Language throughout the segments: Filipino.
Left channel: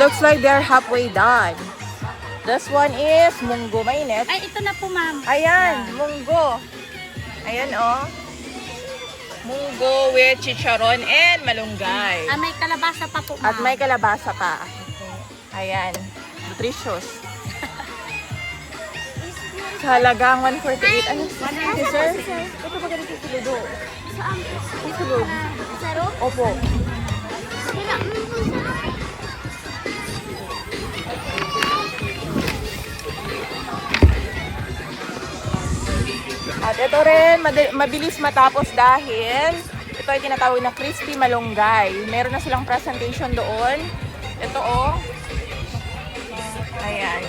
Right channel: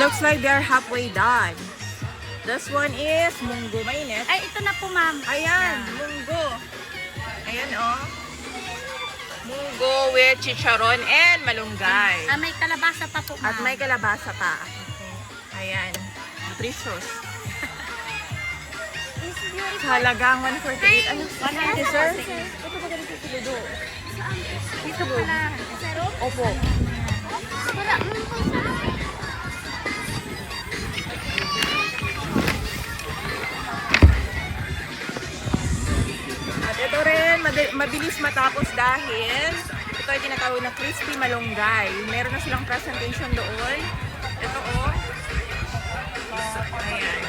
looks like they're halfway done. This one is munggo mainit. Ay, ito na po, ma'am. Ayan, munggo. Ayan, oh. Munggo with chicharon and malunggay. Ah, may kalabasa pa po, ma'am. At may kalabasa pa. Ayan. Nutritious. Halagang 148. Ano? Sir? Ito ba ganito sa ludo? Ito po na. Zero? Opo. Wala. At ito rin, mabilis matapos dahil ito ay tinatawag na crispy malunggay. Meron na silang presentation doon. Ito oh. Ayan.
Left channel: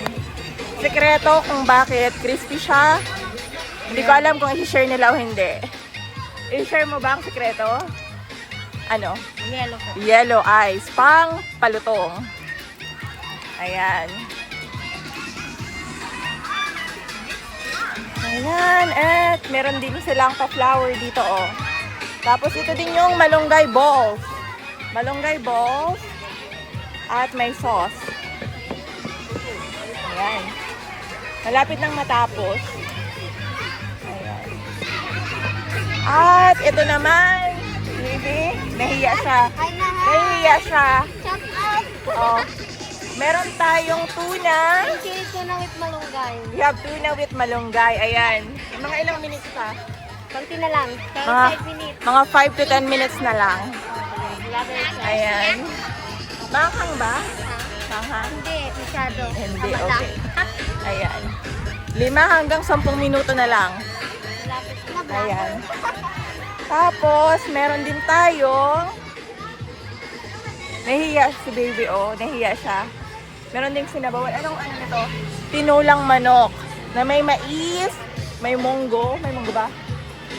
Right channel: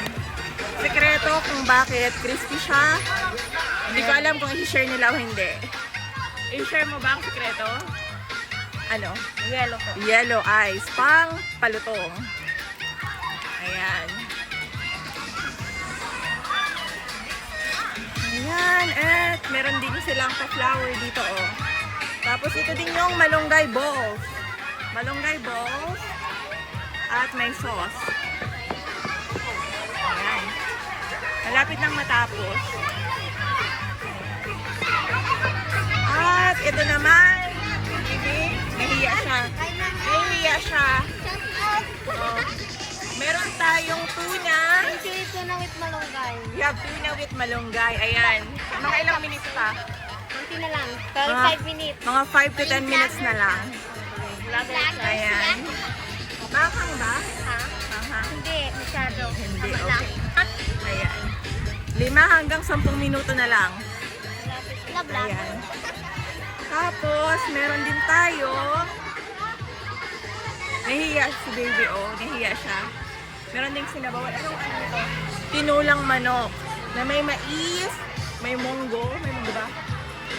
Sekreto kung bakit crispy siya. Hindi ko alam kung i-share nila o hindi. I-share mo ba ang sekreto? Ano? Yellow po. Yellow eyes. Pang palutong. Ayan. Ayan. At meron din silang pa-flower dito oh. Tapos ito din yung malunggay balls. Malunggay balls. At may sauce. Ayan. Malapit nang matapos. Ayan. At ito naman. Nahiya siya. Nahiya siya. Oh. Meron tayong tuna. Tuna with malunggay. We have tuna with malunggay. Ayan. Mga ilang minutes pa? Konti na lang. Mga 5 minutes. Mga 5 to 10 minutes na lang. Ayan. Makakang ba? Makakang? Hindi, masyado. Hindi, Tama lang. okay. Ayan. 5 hanggang 10 minuto na lang. Malapit. Ayan. Tapos, meron din tayo. Nahiya si baby, oh. Nahiya siya. Meron din sinabawan. Ano ito? Tinulang manok. Na may mais, may munggo. May munggo ba?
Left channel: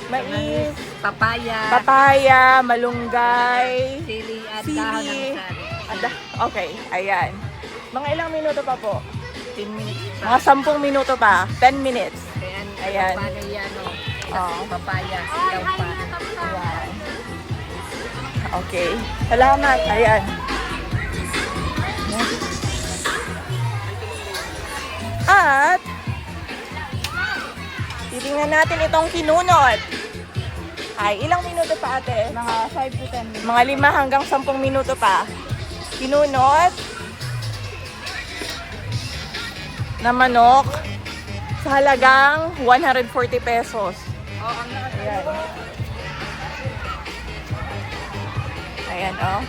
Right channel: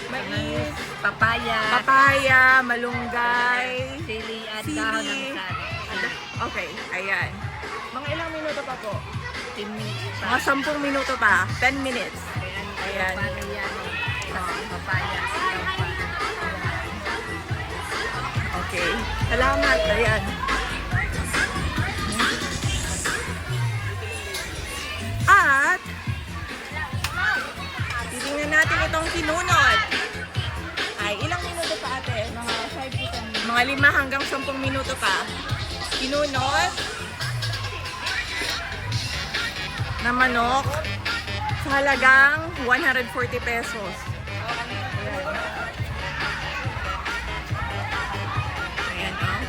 Mais, papaya, malunggay, Sili at sili. dahon ng sari. Okay, ayan. Mga ilang minuto pa po? Mga 10 minuto pa. 10 minutes. Ayan. Paano yan, papaya. Ayan. Okay. Salamat. Ayan. At titingnan natin itong kinunot. Ay, ilang minuto pa ate? Mga 5 to 10 minutes. Mga 5 hanggang 10 minuto pa. Kinunot na manok sa halagang 140 pesos. Ayan. Ayan, oh.